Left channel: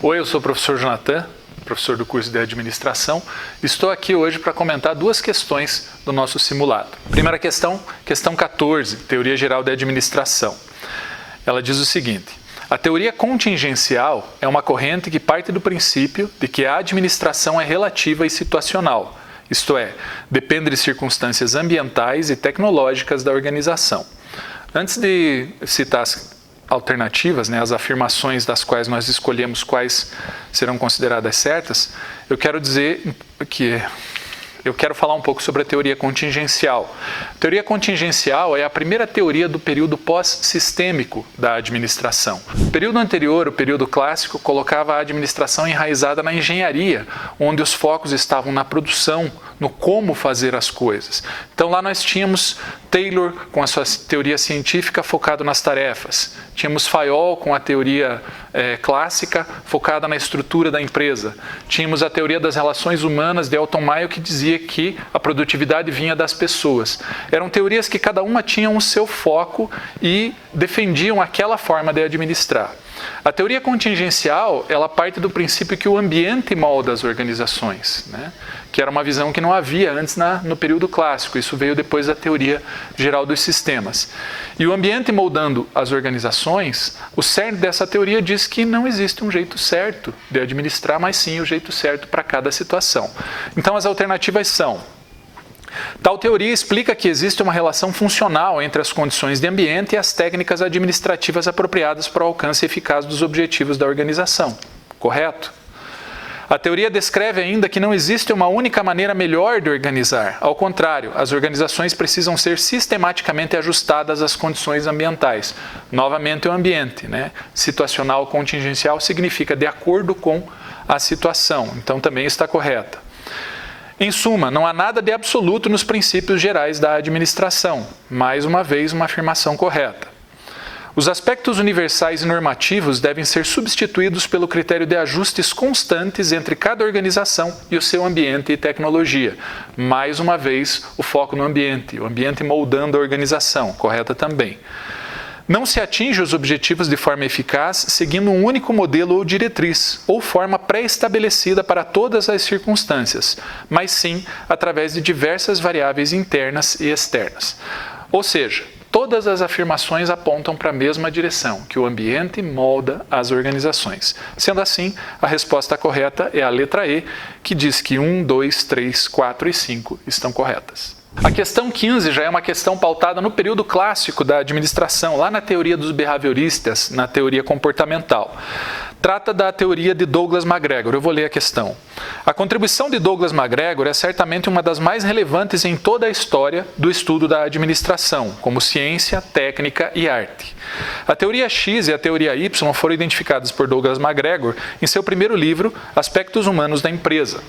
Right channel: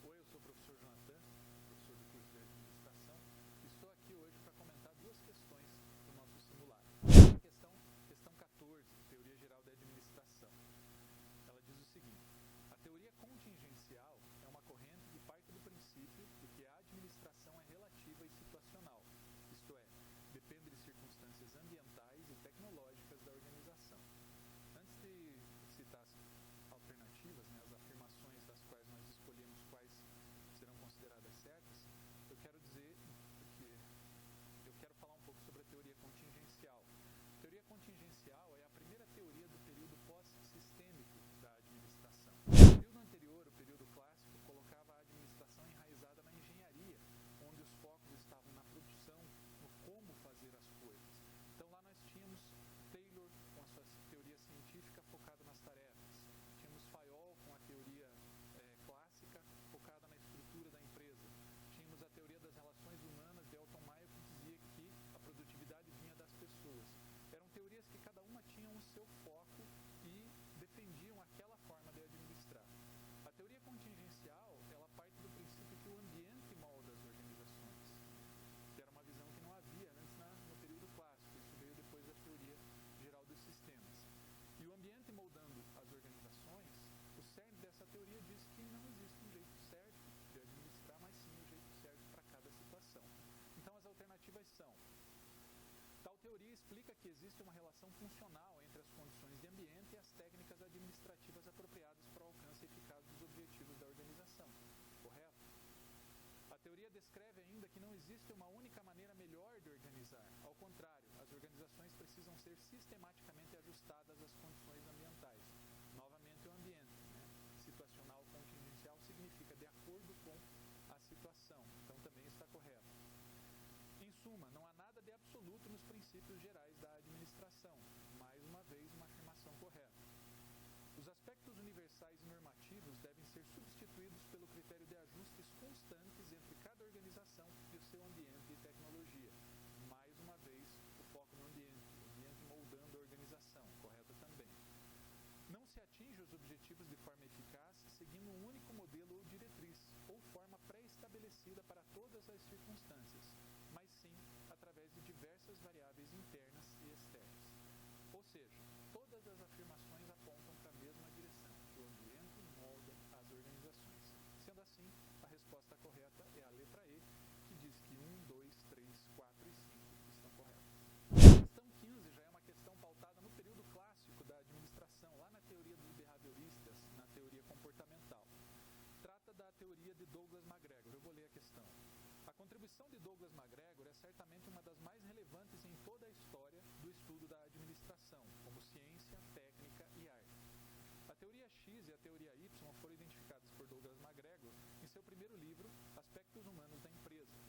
Oi, eu sou o professor Jonathan, professor do curso de Administração. Estou aqui hoje para comentar duas questões do nosso simulado. Primeira questão, questão 14, Teoria Geral de Administração. Ela diz o seguinte: a teoria contingencial é uma corrente que parte do princípio de que a administração é relativa e situacional, isto é, depende de circunstâncias ambientais e tecnológicas da organização. Antes de citar as alternativas, as afirmações das quais nós escolhemos quais serão consideradas certas, eu quero falar um pouco sobre a teoria contingencial. A teoria contingencial é a primeira teoria do período pós-sistêmico da administração. O período anterior, o período clássico, colocava a administração enraizada na engenharia, onde os focos estavam na produção, no como fazer as coisas. Então lá nós tínhamos Taylor com a sua teoria científica focado nas tarefas. Tínhamos Fayol com a teoria clássica focada na estrutura da empresa. Tínhamos a teoria das relações humanas de Elton Mayo que dizia que a produtividade vinha das pessoas. Eram teorias que cada uma tinha o seu foco e defendiam aquela forma de administrar. A teoria contingencial, ela parte do princípio que o ambiente molda as organizações, que era uma visão que não havia antes no período clássico. Isso veio depois da teoria geral dos sistemas. E o ambiente moldando as organizações, o cerne dessa teoria diz que não existe um jeito certo de administrar, mas sim o jeito certo para cada situação. Então as alternativas são: tal teoria explica que existe uma relação funcional entre as condições de ambiente e as técnicas administrativas apropriadas para o alcance eficaz dos objetivos da organização. Correto? A teoria descreve ainda que não existe uma única maneira melhor de organizar. Ao contrário, as organizações precisam ser sistematicamente ajustadas às condições ambientais. Novamente, o ambiente, situacional contingencial significa de acordo com a situação. Então, também está correta. Em suma, não há nada de absoluto nos princípios gerais da administração. Mais uma vez, uma afirmação correta. Os aspectos universais e normativos devem ser substituídos pelo critério de ajustes constantes entre cada organização e o seu ambiente e tecnologia. Mais uma vez, o foco no ambiente, o ambiente moldando a organização. Correta também. Não se atinge os objetivos de forma eficaz seguindo um único modelo ou diretriz, ou forma pré-estabelecida para todas as circunstâncias, mas sim através de diversas variáveis internas e externas. Ou seja, todas as afirmações apontam para a mesma direção, que o ambiente molda as organizações. Sendo assim, a resposta correta é a letra E, que diz que 1, 2, 3, 4 e 5 estão corretas. A questão 15 já é uma questão pautada no período clássico da administração, lá na teoria dos behavioristas, na teoria comportamental. Trata da teoria de Douglas MacGregor. Eu vou ler a questão. A contribuição de Douglas MacGregor é certamente uma das mais relevantes em toda a história do estudo da administração, como ciência, técnica e arte. A teoria X e a teoria Y foram identificadas por Douglas MacGregor em seu primeiro livro, Aspectos Humanos da Empresa.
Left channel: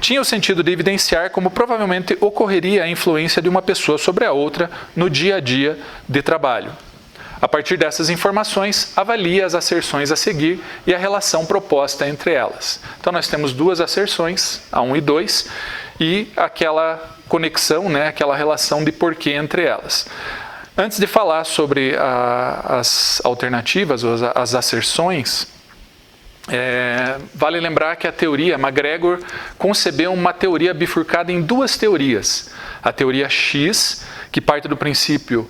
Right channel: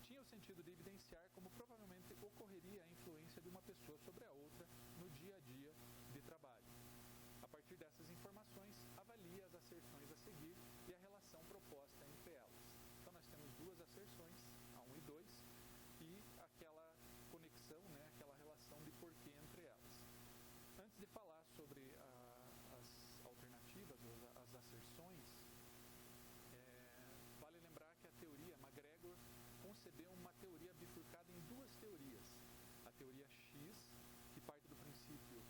Tinha o sentido de evidenciar como provavelmente ocorreria a influência de uma pessoa sobre a outra no dia a dia de trabalho. A partir dessas informações, avalia as asserções a seguir e a relação proposta entre elas. Então, nós temos duas asserções, a 1 e 2, e aquela conexão, aquela relação de porquê entre elas. Antes de falar sobre as alternativas, ou as asserções, vale lembrar que a teoria, MacGregor concebeu uma teoria bifurcada em duas teorias. A teoria X, que parte do princípio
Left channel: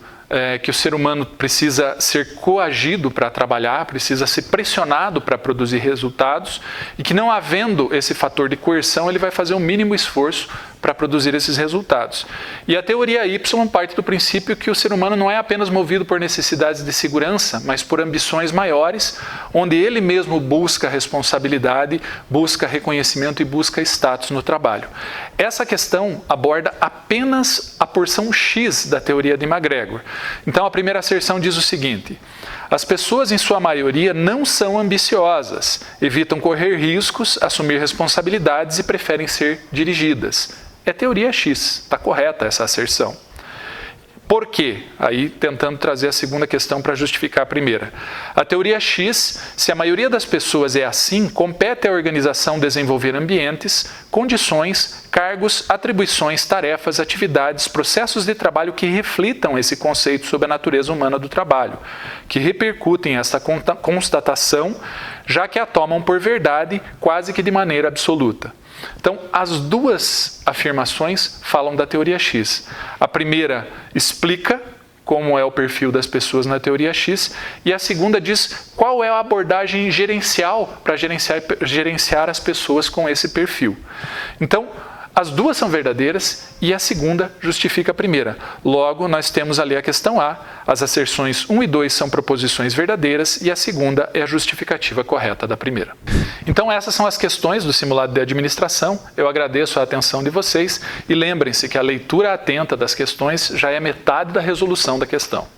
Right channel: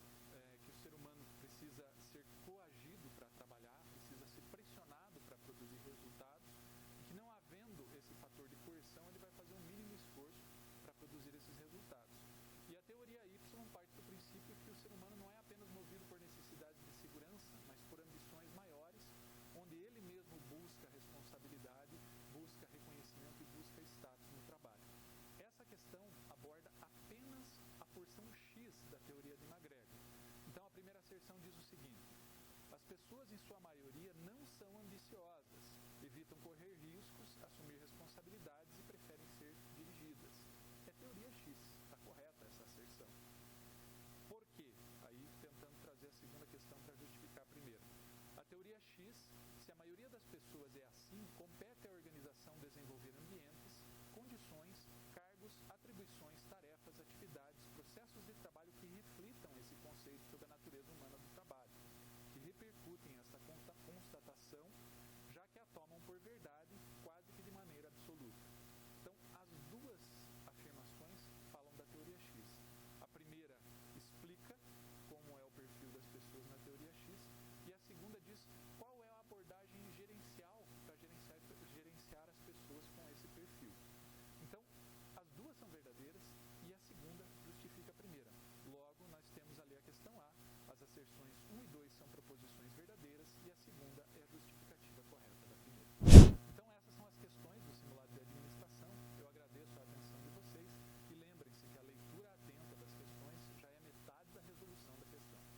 que o ser humano precisa ser coagido para trabalhar, precisa ser pressionado para produzir resultados, e que não havendo esse fator de coerção, ele vai fazer o mínimo esforço para produzir esses resultados. E a teoria Y parte do princípio que o ser humano não é apenas movido por necessidades de segurança, mas por ambições maiores, onde ele mesmo busca responsabilidade, busca reconhecimento e busca status no trabalho. Essa questão aborda apenas a porção X da teoria de MacGregor. Então, a primeira asserção diz o seguinte: as pessoas, em sua maioria, não são ambiciosas, evitam correr riscos, assumir responsabilidades e preferem ser dirigidas. É teoria X, está correta essa asserção. Por quê? Aí tentando trazer a segunda questão para justificar a primeira. A teoria X, se a maioria das pessoas é assim, compete à organização desenvolver ambientes, condições, cargos, atribuições, tarefas, atividades, processos de trabalho que reflitam esse conceito sobre a natureza humana do trabalho, que repercutem essa constatação já que a tomam por verdade quase que de maneira absoluta. Então, as duas afirmações falam da teoria X. A primeira explica como é o perfil das pessoas na teoria X, e a segunda diz qual é a abordagem gerencial para gerenciar as pessoas com esse perfil. Então, as duas são verdadeiras e a segunda justifica a primeira. Logo, nós temos ali a questão A, as asserções 1 e 2 são proposições verdadeiras e a segunda é a justificativa correta da primeira. Então, essas são as questões do simulado de administração. Eu agradeço a atenção de vocês e lembrem-se que a leitura atenta das questões já é metade da resolução da questão.